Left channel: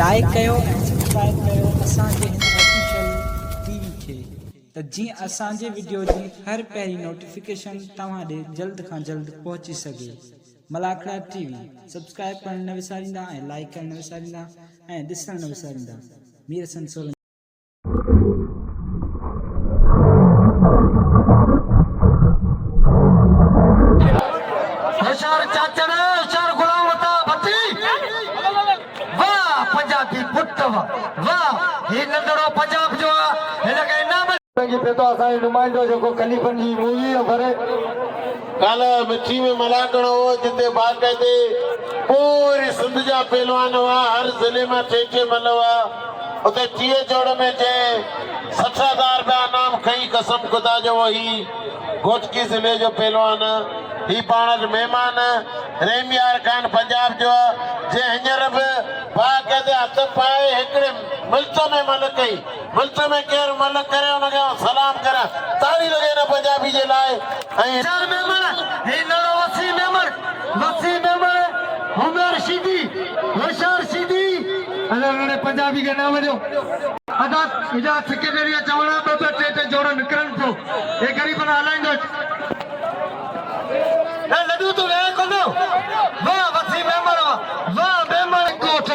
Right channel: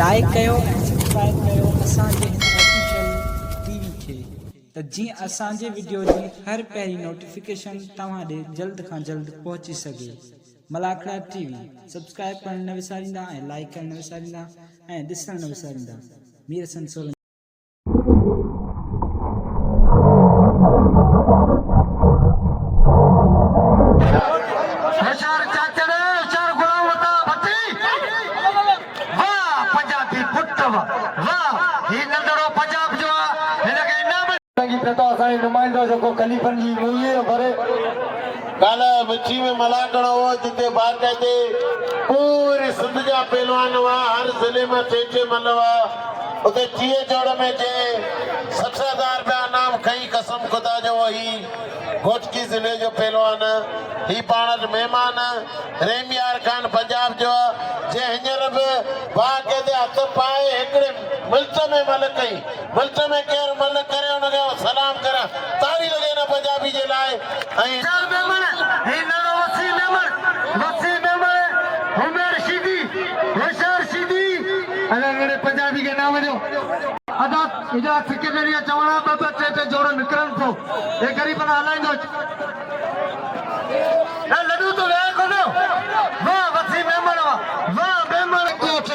Like कयो ऐं subscribe कयो असांजे हिन ऑफिशियल टीवी खे त जीअं असांजे वीडियो जी हर पहिरीं नोटिफिकेशन तव्हां ॾे जल्द खां जल्द पहुची सघे। मलाखड़ा टीवी सब्सक्राइब करण न विसारींदा ऐं लाइक करण न विसारींदा ऐं ॾिसण न विसारींदा। मीर हसन सोलंकी। नुमाइंदो जो खलीफन जी मूवी भरे काला मिठी में मलाकड़ो जिते बाकायदे पूरी सिंध जा पहलवान हुआ, हर जिले में टे मनवा उते टीए जोड़ में टे 60,000 रुपया नाम खई कसम खुदा जो वही घोटकी जिले जो पहलवान ही पाण मेहमान रेमियार खान पंजाब जो जे हिंजर बि बाकायदे हथ पाए हिकड़े मुल्क में मलक कई मुल्क में केर मलक करे उनखे सलाम करा तारी लगे ना पंजाबी जे लाए ऐं पंजाबी के नाम जो अदा इजा सेक्रेटरी चवणा ॿ टे जोड़ निकरन थो ए गरीबन हलाइंदो ए लड्डू तो रे कोनो वाह वसी मेहमान वाह मेहमान कोठ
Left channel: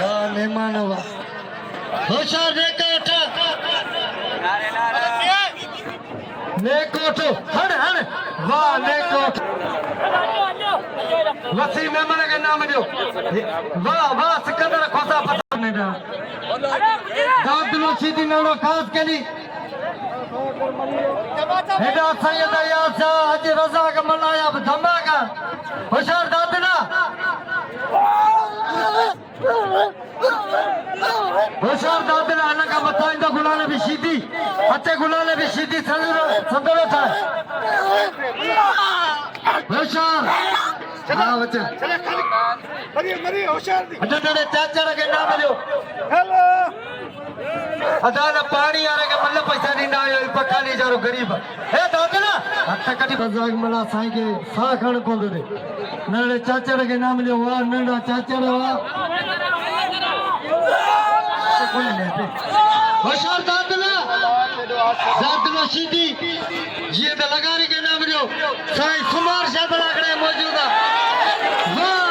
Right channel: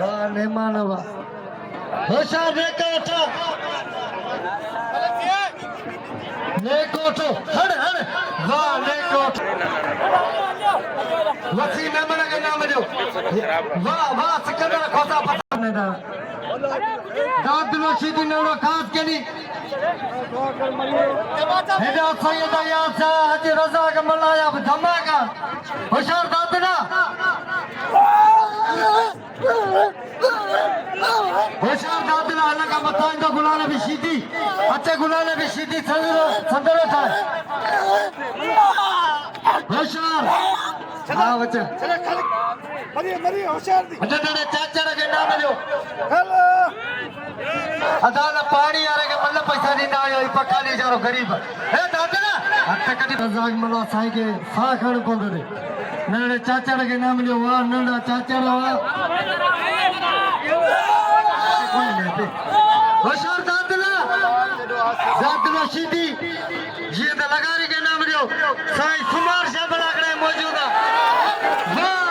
वाह मेहमान वाह होशियार ने कोठ हड़ हड़ वाह ने कोठ वसी मेहमान के नाम जो वाह वाह सिकंदर खोसा पता ने दा दादलो सीधी नवरो खास केली हेडा सैयद यासा हज रज़ाक मलाया धमाका होशियार दादना होशियार दादना अलग मथा इंदो गुलाल भी सीधी अचे गुलाल भी सीधी संदरो था होशियार हां बच्चा मरी होशियार दी अटे चाचा के नाम जो हेलो अदा पानी आ रे के मतलब पैसा दी ना आयो पकाली जारो गरीब हे दादना हथ कटी रज़ाक मला साईं के सा खण पंदो दे नड़े चाचा के नाम जो वाह नड़ा चाचा वाह होशियार दादना सीधी जी ते लगारी के नाम जो साईं सुमार शाह बलाकड़े मौजूद है वाह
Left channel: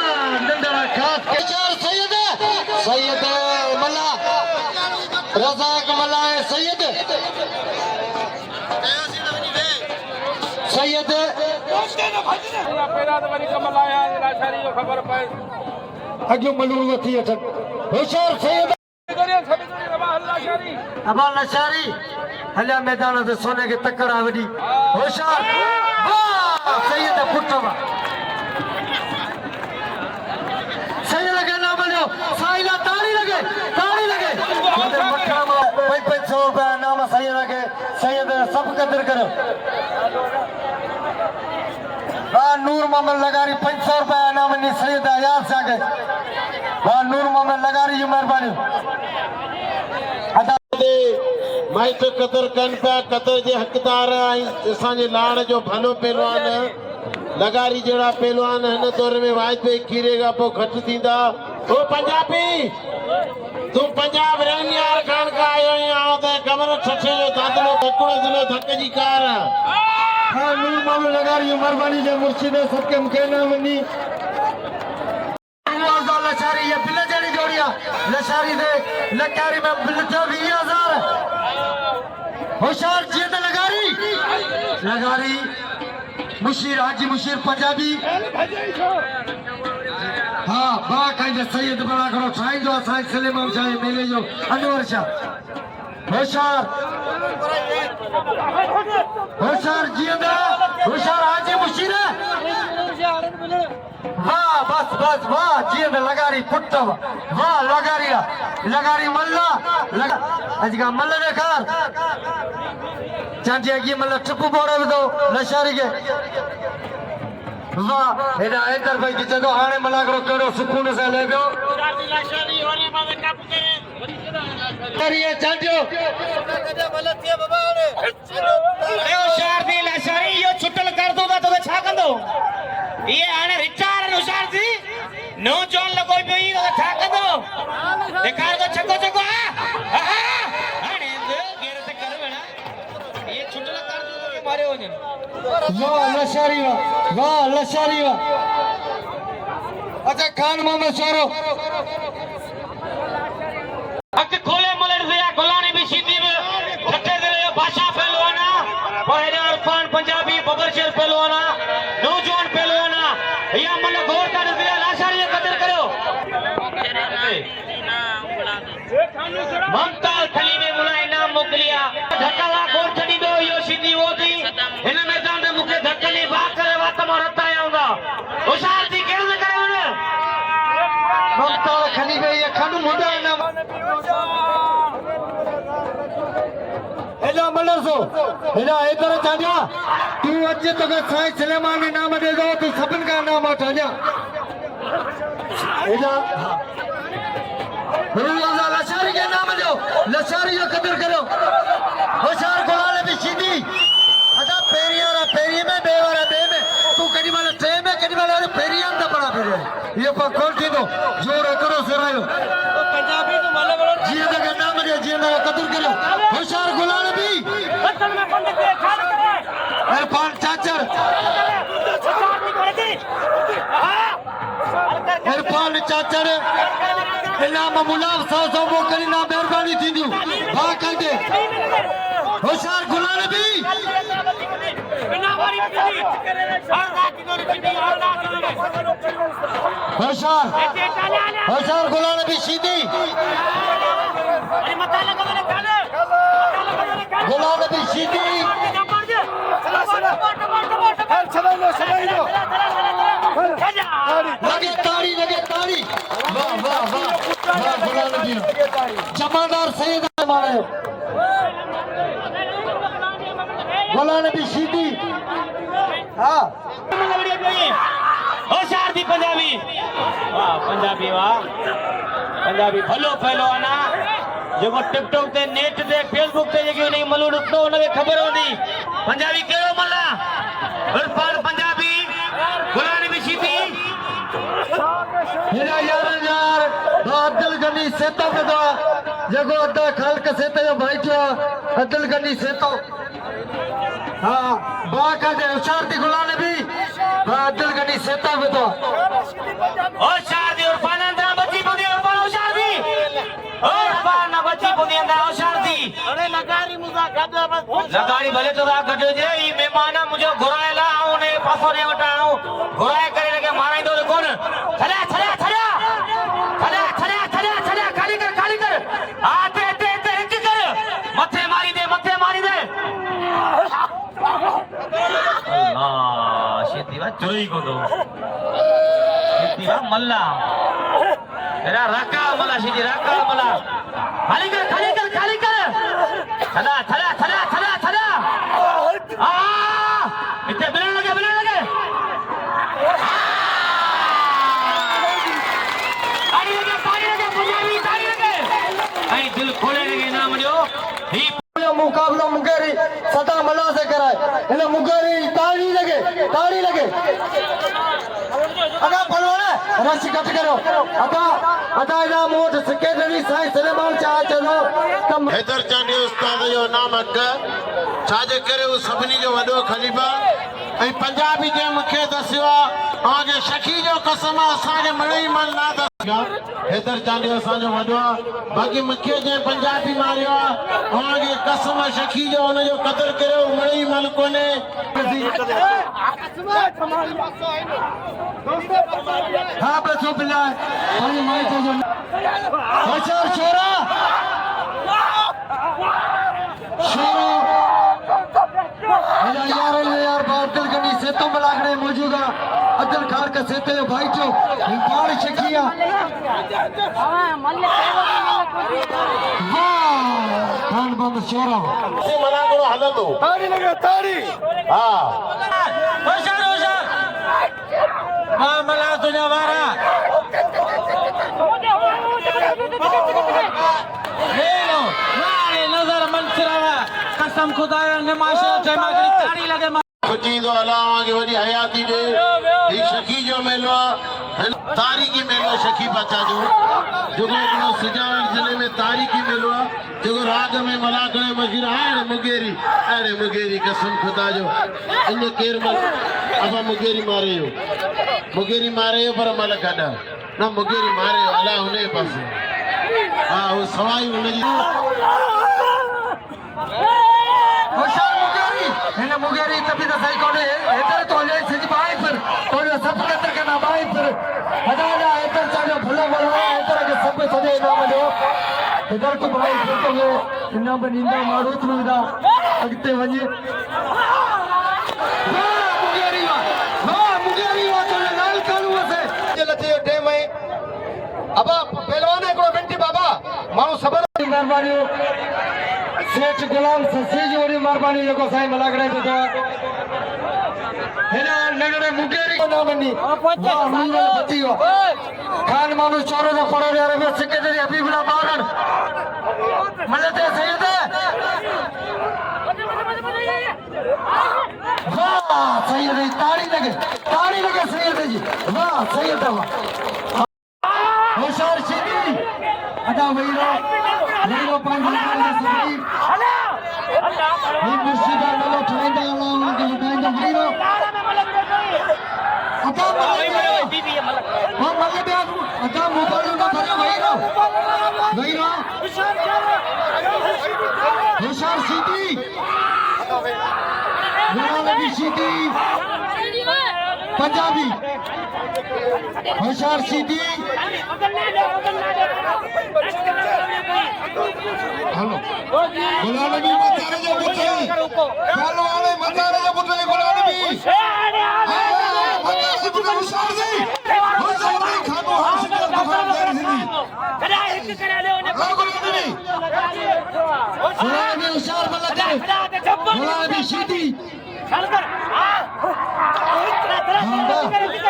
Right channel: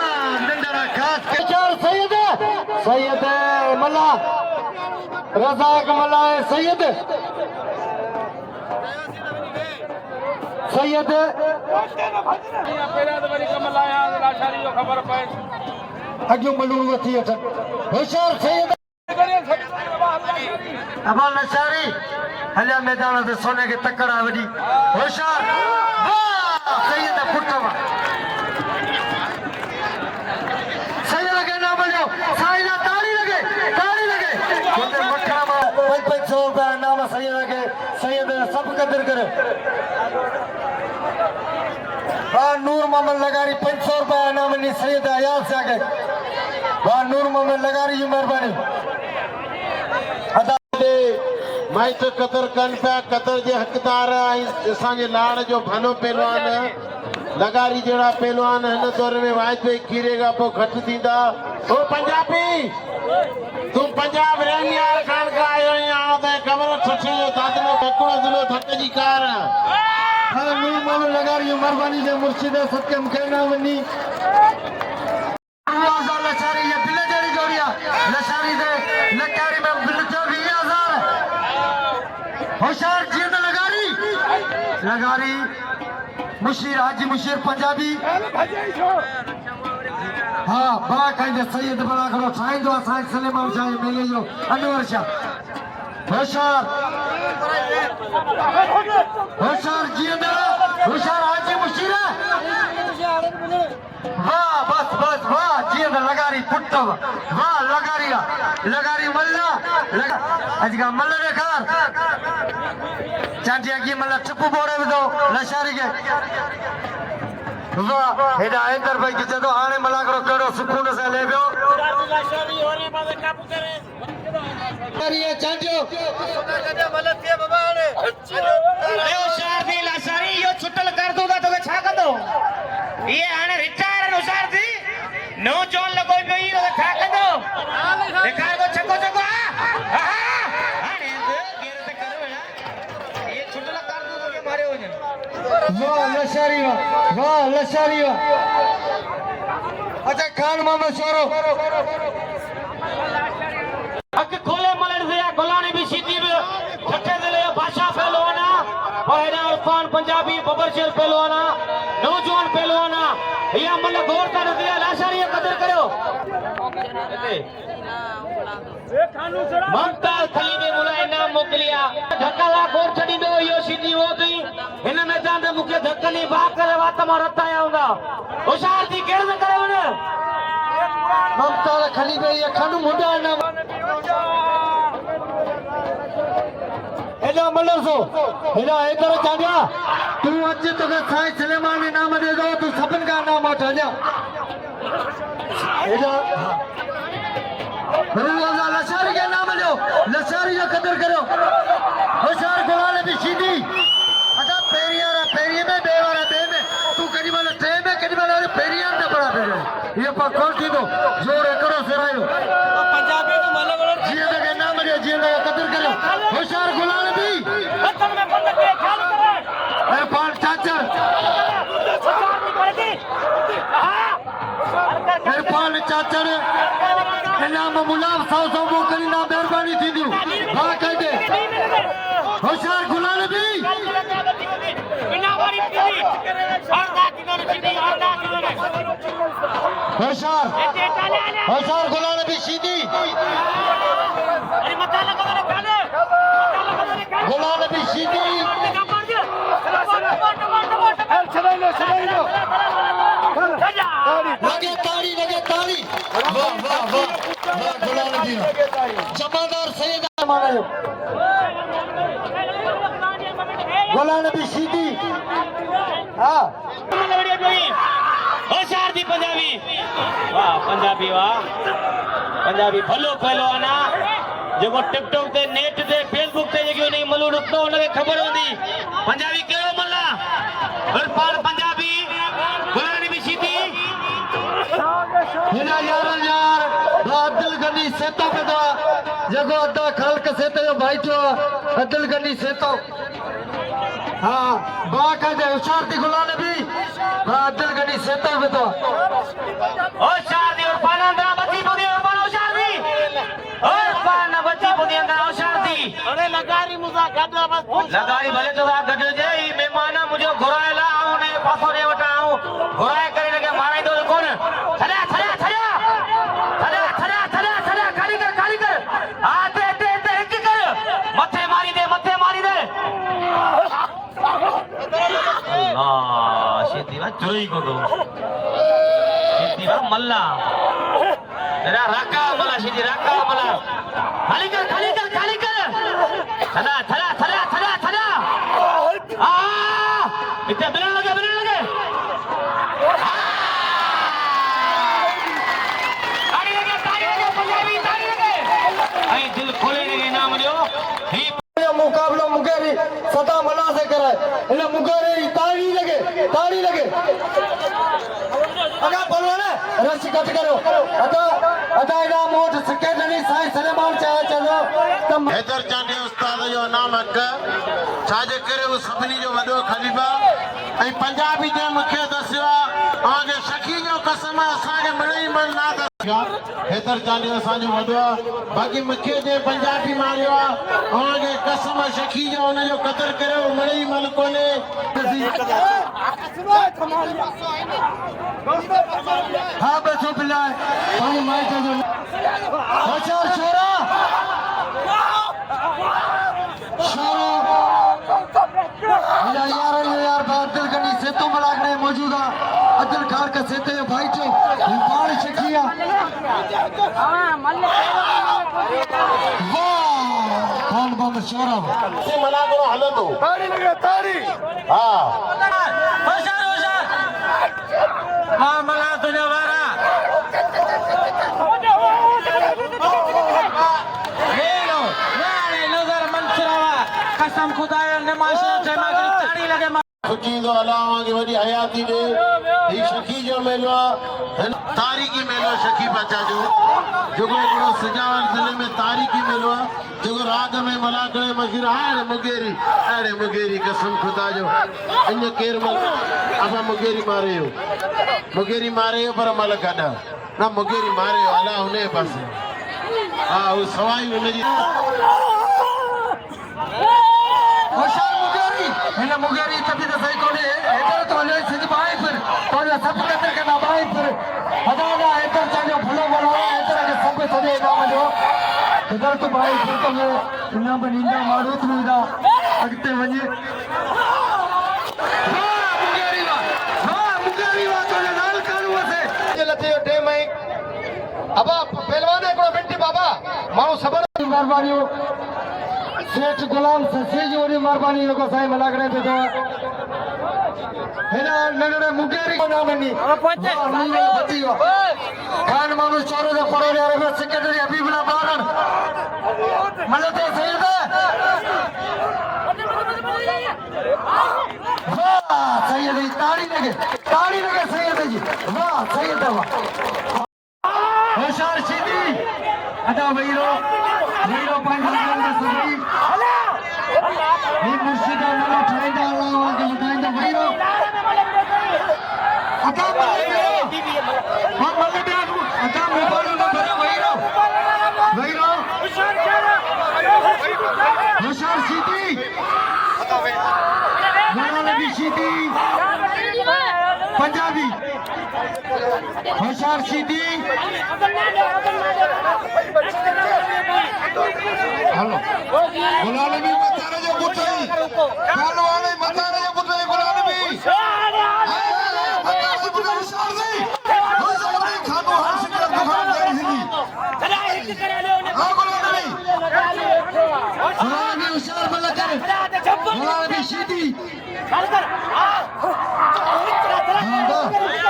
नंदरा खास केचार सैयद मला रज़ाक मला सैयद अॻियो मलूम थी अचनि होशियार सैयद अबाल नशारी हलिया मैदान ते सोने के तकड़ा वॾी होशियार सैयद पुट सैयद के नाम जो साइला ताली लगे 500 रुपया नाम सैयद सब कदर करे नूर मोहम्मद लगारी 500 रुपया नाम नी सैयद अयाज सागे नूर मोहम्मद लगारी जी मेहरबानी माई तो कदर कन पिया कदर जे हकदार असांजे लाड़ जो भनो पहलवान लगारी जड़ा पहलवान हिन दौर में वाजपेयी खीरे का पोइ घटि थींदा ओ पंजाबी तू पंजाब रेमियार खान का आयो यहाँ ते कमर छठे जो दादलो बकुड़ा जिलो धक जी कार हां नूर मोहम्मद लगारी मेहरबानी जे मुर्शिद सबके मुखे ना वनी लशारी ये बिले जड़ी जोड़िया लशारी दे लकारी में बिलटे 20000 होशियार जीत लगारी मुशीर हाजी मुशीर पंजाबी हाँ बा कहीं सैयद बड़ा करो साईं जो साईं सलेमान शाह मेले जो अनवर शाह होशियार जींदा होशियार हाजी मुशीर वाह बस वाह जींद लगारी पुट वाह लगारी मल्ला अजगा मल्ला देखार चाची अगी मल्ला चुप बोड़े दो नशारी के हेडा इधर भाई की जदो हाणे मला करो केड़ो सुकून से ले गयो लाशारी होरे बाबे काबू करे अरे चाचो ए होशियार दी लाशारी यो छुटल कर दूंगा तो छा कंदो ये हाणे रिटायर होशियार दी नो जोन लगो पियो ई छा कंदो वाह लशारी वाह लशारी वाह अच्छा खान मोहम्मद शोरो हक खोले मलड़ दिया गुलानी भी सीधी में ठट्टे दिले भाषा पहलवाना पहला इरफान पंजाबी बबरशेर पहलवाना नौजवान पहलवाना या मन गौर कर दिया लाशारी कदर करो ममता थली में मुला इनाम मोकलिया धक्का गौर छड़ी दो यो सीधी वो थी इन मैदान में मुखे धक्कनी बात करे बात मारता आऊंगा होशियार थी कैसे करे उन्हें ममता खली में ये खनु मुंडा ना एजा मलरसो एजा इधर चांदिया तू अज तक साईं सलेमान ने नाम दे दो तू सबन का नाम चांदिया एजा एजा लशारी के नाम दो लशारी जो कदर करो होशियार गोवाले भी सीधी अदा पेरिया में बेवारा बे में तू कड़ी वाला ट्रे में कड़ी वाला पेरिया में पड़ा फिर ये पर कौन थी तो जोर करो सरायो पंजाबी तो माला वाला जी के नाम दे जी ने कदर करो होशियार गोवाले भी इरफान चाचर इरफान चाचर इनाम मुलाम 100 वो करी ना मेहरबानी थी दी हां कह दे होशियार गुलाल भी बिना वारी करे हर रात की सीधी हर रात होशियार गुलाल भी सीधी अरे मत लगा रे काले गुलाल भी सीधी लगे ताड़ी जमादार सही माना जो गोलान भी सीधी हाँ होशियार थी पंजाबी वाह पंजाबी भलो पहलवाना जो टिकटॉक ते नेट ते फेसबुक ते जेकी उन मलू रुकतो उनखे ख़बर हूंदी पंजाबी कहिड़ो मल्ला इरफान पंजाबी गुलानी भी सीधी हिना यार अब्दुल गनी सेतो में तो जगो अदा खल्क सेतो जो भाई जो अब्दुल गनी सेतो हाँ बाका दे होशियार दी गुलान भी अब्दुल गनी सेतो में तो होशियार दी इरफान अंदर बच्ची पुदी इरफान होशियार दी इरफान बच्ची पुदी अंदर होशियार दी अरे लगारी मुजा गड्डा बस लगारी भले तो गड्डे जे ई मेहमान मुझे घुरायला उने पासरे वटाऊ घुराए करे लगे माराई दो कोन चला खाली कर आते हिंच कर मथे मारी दे अल्लाह शेतीवा चोरी को दो शेतीवा मल्ला तेरा रका मला शेती रका मला खाली कर चला आ इतने बिलन लगे ताली लगे पंजाबी ताली लगे आई दिल खोले लगे नाम जो ही मुकाबला मुगेरी सदा मना से कराए इन मुगेरी ताड़ी लगे अगा पलवाने रश कट करो अदा इना मोट सिक्के गनी साईं सलेमान चाह चलो तम हैदर चांडी उस्ताद जो नाम हक छाजे करे वो सभिनी जो वॾो खलीफ़ा ऐं पंजाबी जे मूंखे दसियो आहे शकी जो कसम असांखे मिड़ई मिलंदा हैदर चांडी असांजो वॾो आहे बाक़ी मूंखे जे पंजाबी मारियो आहे कसम शकी जो हुनजो क़दुरु करियो मिड़ई मल कोन्हे हाँ बच्चों बिल्ला पानी माई तो जो होशियार छोरा यार अब्दुल गनी सेतो मलागड़े मौजूदा अब्दुल खान का सेतो भाई जो पानी शकिया वाह खान बम शोरा से मलागड़ो हलंदो ताड़ी लगे ताड़ी हा होशियार मां मला तुझा वारा नजर मंसरावा कसम खुदा ने माशो जमा ताड़ी लगे खुची तो अलावा की वॾी हयाती ॾे ही शकी जो मेलो तारीखी मेलो शकी बचा जो सुजावल जिले में तारीखी मेलो जो राग में मलाकड़े मशहूर हाणे मुगेरी कसम खुदा जो इन केर मल अब मुगेरी मारे पर मल गडा ना मुगेरी मारे अला उन्हें पास हाँ वो सवाई उन्हें होशियार मुगेरी हिन मुगेरी तभी तो सही कोने इधर तो ले सीधी बाई पर और सब अंदर के ना बाई पर हदाना इधर चले भला भला इधर के सब सदे नाम जो इधर तो बाई पर तो वो इना बनिंदा मारूत मिलदा अगते वजे मुगेरी वा तो लाल कानू से लथे टाइम है अब पहलवान है को बेटी बाबा माऊ सबर मेहरबानी सेठ गुलाम ससी जी वरी मेहरबानी लोगो साईं मलागड़े ते तो हेना नगड़े मुगेरी को नाम नी वाह नील बती हो खान मानु चोरे दा पड़ो यार में सेक्रेटरी हबीबुल्लाह बागड़ मलते सैयद वाह सैयद ताड़ी लगे सैयद जी वाह सैयद वाह होशियार सीधी अदा वहीरो पांडव सदी ये मुर्शिदा वाला ठाइंदा वाला के ठाइंदा वहीरो अदा बीबी मतलब हां मलदे अदा मोबाइल में भरा वहीरो होशियार सीधी नबी सीधी पंजाबी होशियार सीधी गुलामी मतारे जो पुतई कानवाने मतारे जो पुतई गुलामी होशियार जी होशियार खानो हर दफा करा एक करा ले ओने गुलामी होशियार मलते गुलामी सीधी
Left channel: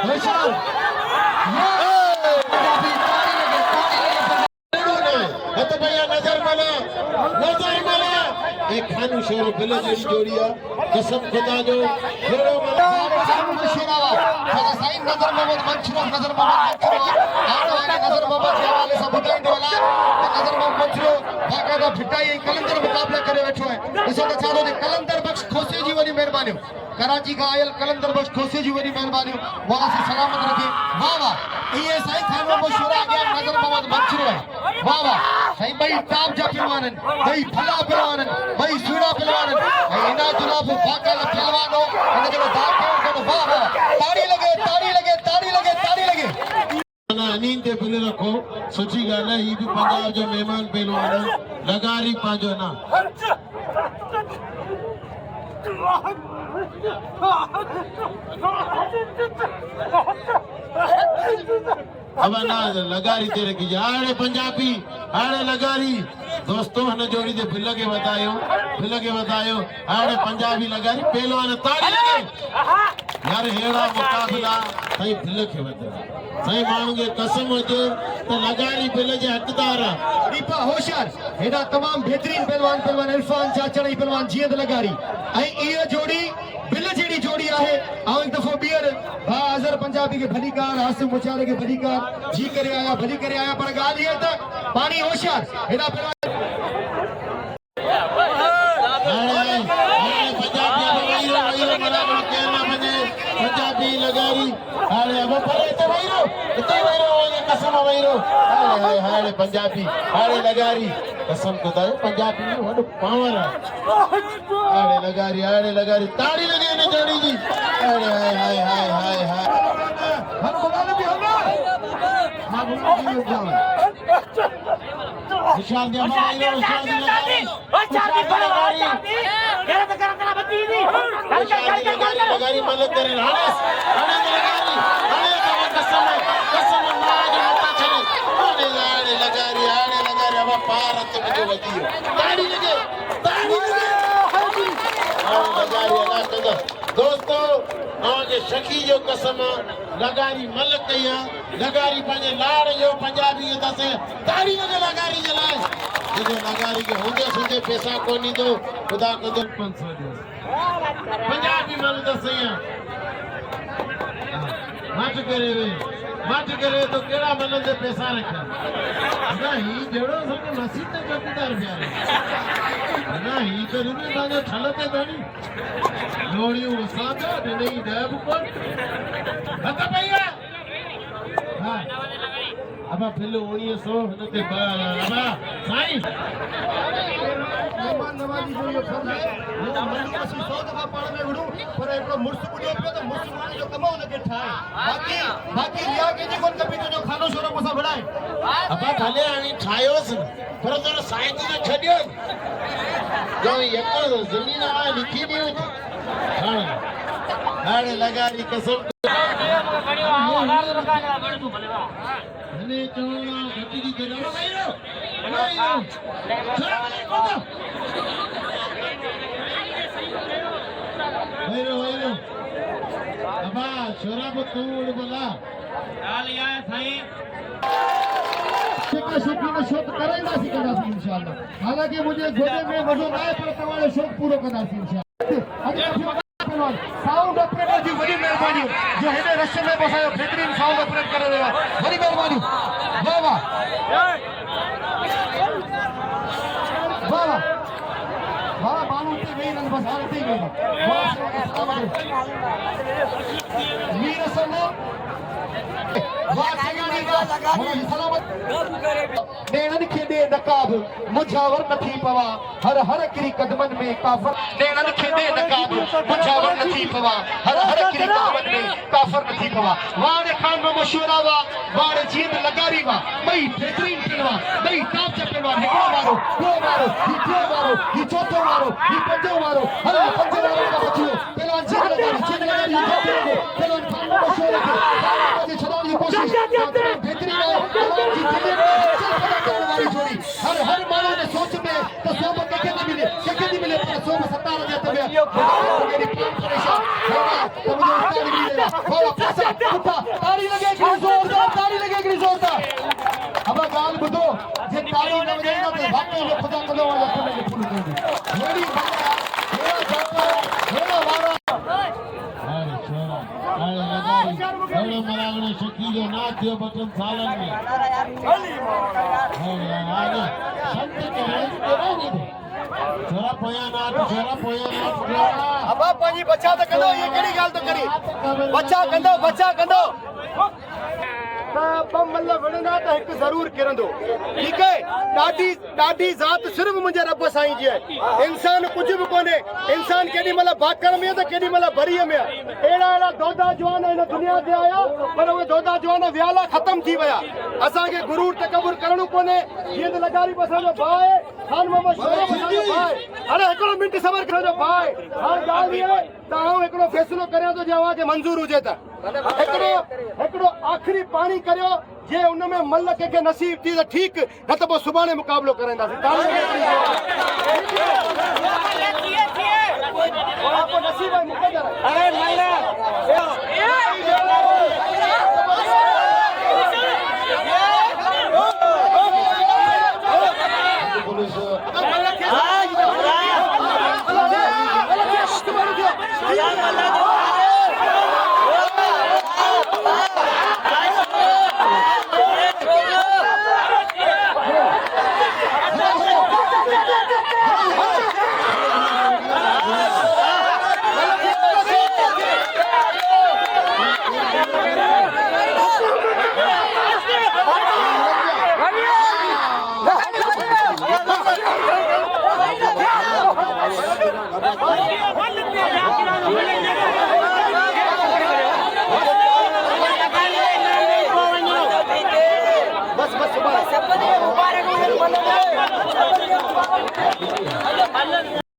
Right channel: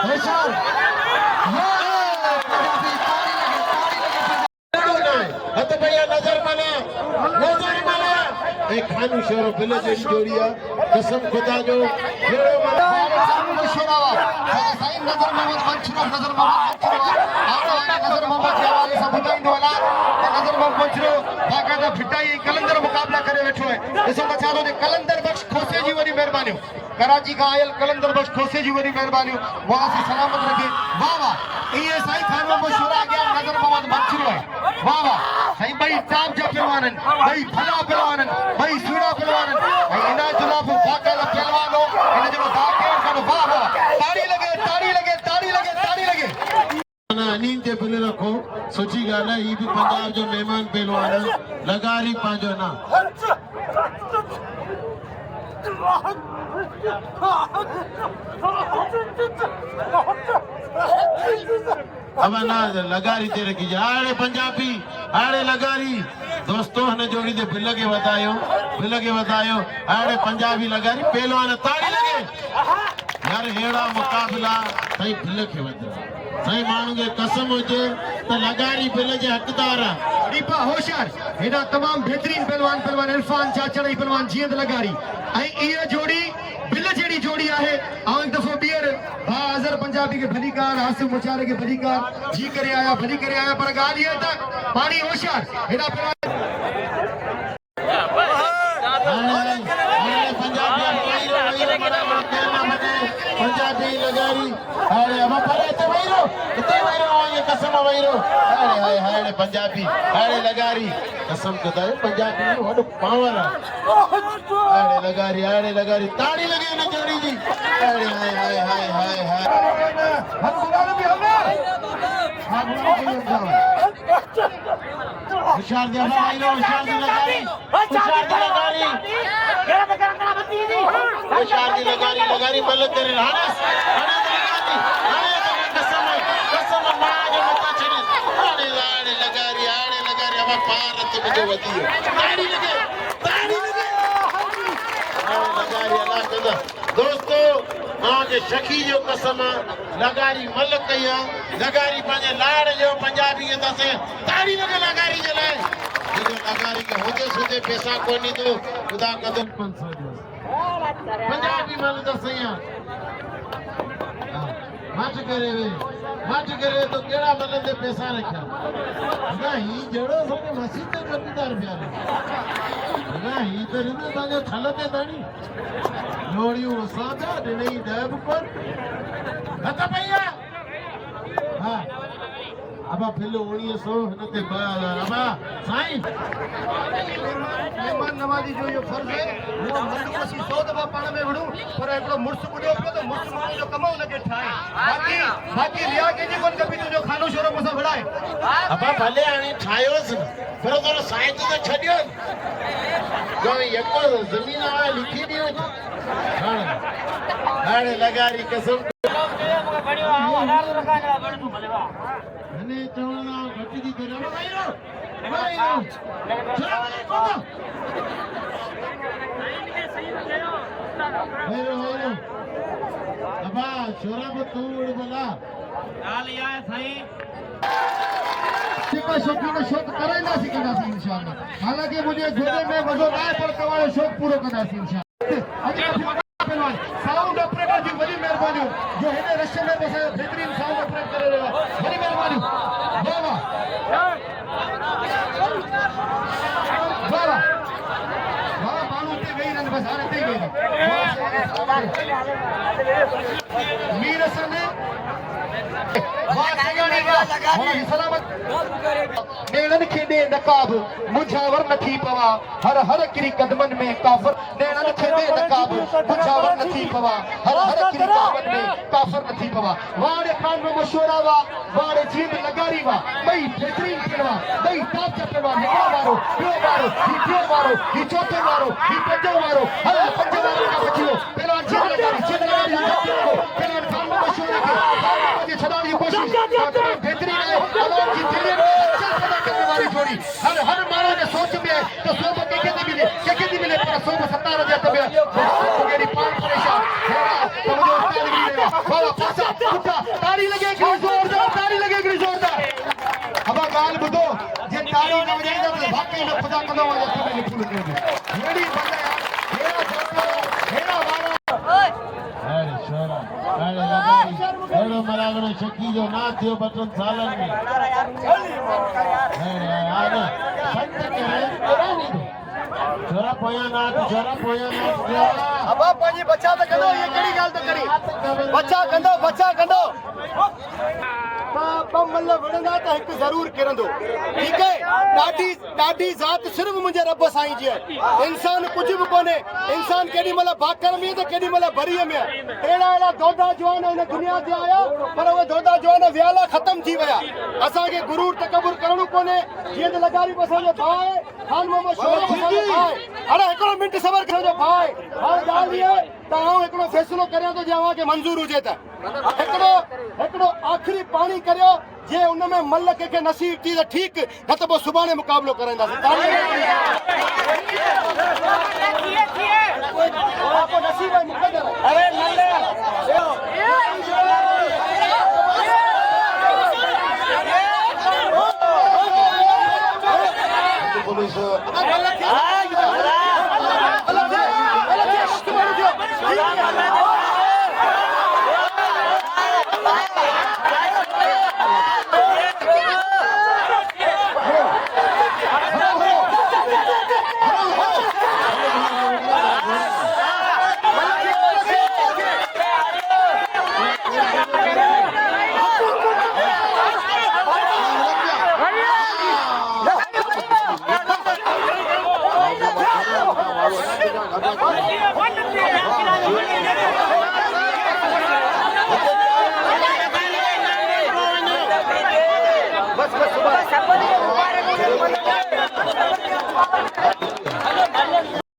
होशियार हत भैया नजर मले एक खानू शहर बिल जड़ी जोड़िया कसम खुदा जो हेड़ो शेरावा साईं नजर मोहम्मद मंचुरा नजर मोहम्मद हवाले से बुधाइंदो वाला नजर मोहम्मद मंचुरो बाकायदा फिटाई कलंदर मुकाबला करे वेठो है ॾिसो त चालो ने कलंदर बख्श खोसे जी वरी मेहरबानी कराची का आयल कलंदर बख्श खोसे जी वरी मेहरबानी वहां से सलामत रखे वाह वाह ये साईं खानो मशहूर आ गया नजर मोहम्मद मंचुरो है वाह वाह साईं भाई टाप जा पहलवानन भाई भला पहलवानन भाई सुड़ा पहलवानन भाई इना जवाब बाकायदा पहलवान हो इन जो बाकायदा वाह वाह ताड़ी लगे नींद ते बिल रखो सुठी गाल है ये भी पंजाब जो मेहमान पहलवान लगारी पाजो ना अब ना लगारी ते रखी जाड़े पंजाबी आड़े लगारी दोस्तों हने जोड़ी दे बिल के बतायो आड़े पंजाबी लगारी पहलवान ताड़ी लगे यार हेड़ा मुकाबला सही बिल के बतायो सही मानू के कसम हुजे त लगारी बिल जे हकदार दीपा होशियार हेडा तमाम बेहतरीन पहलवान इरफान चाचड़ी पहलवान जीअं लगारी ऐं इहा जोड़ी बिल जेड़ी जोड़ी आहे आउं एक दफ़ो ॿीहर भा अज़र पंजाबी के भलीकार हासिम मुचारे के भलीकार जी करे आया भली करे आया पर ॻाल्हि इहा त पाणी होशियार हेडा पंजाबी लगारी हाणे अब परे ते वईरो इते वईरो ये कसम वईरो हाय हाय पंजाबी हाणे लगारी कसम खुदा पंजाबी वड पावर हाणे लगारी ताड़ी लगे न जोड़ी जी हाय हाय हम बुला ले भी होना होशियार दे वईरो होशियार दे लगारी केरा त करना बती दी होशियार दे लगारी मल करे हाणे कसम ना जो मत छड़ी हाणे लगारी अब पार अच जो वदियो ताड़ी लगे लगारी अल्लाह कंदा दोस्तों के शकी जो कसम लगारी मल कया लगारी पाजे लाड़ जो पंजाबी दसे ताड़ी लगे लगारी जे लाए देखो लगारी के होंदे सुदे पैसा कोनी दो खुदा कदर 500 पंजाबी मल दसे मच करे तो केड़ा मिलन दे पैसा रखा ना ही जेड़ो सको नसीब ते चौकीदार प्यारे ना ही तो रुमे ताजो छलते तोनी लोड़ियों सादो नहीं देव पर बता भैया हां अब फिर 1900 के अब साईं मेहमान नवाजी जो ये फर्ज है वो मंडी सी 100 दफा पाण में विड़ू पर एटलो मुर्स बुडियो पे तो मुर्स माने जो कमाओ न के ठाए बाकी रिया के जी मन कभी तुजो खानो शोरो मुसा बड़ाए अब भले आनी ठायोस पर तो साईं तो छडियो जो यको जमीन आ लिखी दी हाणे लगारी कसम ने चोणा घटी की करो भाईरो अबा छोरा बतूड़ बोला हाल या साईं सिका शौकी में शौक कराइंदा सी इंशाअल्लाह हालांकि मुझे गोदे में मजो ना है पर तवारो शौक पूरो कंदा सी इंशाअल्लाह साउंड ऑपरेटर जी वही मेहरबानी जो हेने रश्य में बसायो बेहतरीन साउंड ऑपरेट करे रहा वही मेहरबानी वाह वाह वाह वाह मानू ते गई न बस आते गई मीर हसन वाह सगानी वाह सलामत नेणन खेदे नकाब मुझावर नथी पवा हर हर किरी कदमन में काफर नेणन खेदे नकाब मुझावर नथी पवा हर हर किरी कदमन में काफर नथी पवा वाड़े खान में मशवरा वा वाड़े जीत लगारी वा भई बेहतरीन खेलवा भई टॉप चप्पलवा निकलो मारो दो मारो ये चौथो मारो ये पंजो मारो हर पंजो मारो का बचियो पहला जीत लगारी पहला खान में मशवरा के मुझे छड़ाने की कोशिश बेहतरीन है अलोक की दिल्ली में जोड़ी हर हर मानो ने सोच में तो सोम के मिले पर सोम 17 जाते में मेरी पान परेशान तो मुझे उस्ताद मिलेगा बोलो पैसा उठा ताली लगेगी जोरदार अब गाल बुदो जे ताली न बजाई तो वाकई में खुदा कदम आ जाता है फूल कर दे मेरी बंदा मेरा जाता मेरा वारा अरे छोरा अरे लगारी अरे मरागड़ो शकी जो ना थियो बचन सालन में अरे आगे संत करे केड़ा नहीं दो छोरा पोया ना अब पाजी बच्चा तो कदो ये केड़ी गाल तो करी बच्चा कंदो मतलब वणंदा तो एक जरूर किरंदो ठीक है ॾाढी ज़ात सिर्फ मुंहिंजे रब साईं जी आहे इंसान कुछ भी कोन्हे इंसान केॾी महिल भाकर में तो केॾी महिल भरीअ में अहिड़ा दोदा जवान हिन दुनिया ते आया पर उहे दोदा जवान वियाला ख़त्म थी विया असांखे गुरूर तकबुर करणो कोन्हे जीअं त लगारी बि असांजो भाउ आहे खान मोहम्मद शोहर असांजो भाउ आहे हाणे हिकिड़ो मिंट सबर करण जो भाउ आहे हाणे ॻाल्हि इहा आहे त आउं हिकिड़ो फ़ैसिलो करियां थो जे अव्हांखे मंज़ूर हुजे त हिकिड़ो आख़िरी पाणी करियो जे उन में मल कंहिंखे नसीब थी त ठीकु न त पोइ सुभाणे मुक़ाबिलो कराईंदासीं नसीब आहे मुक़दर बस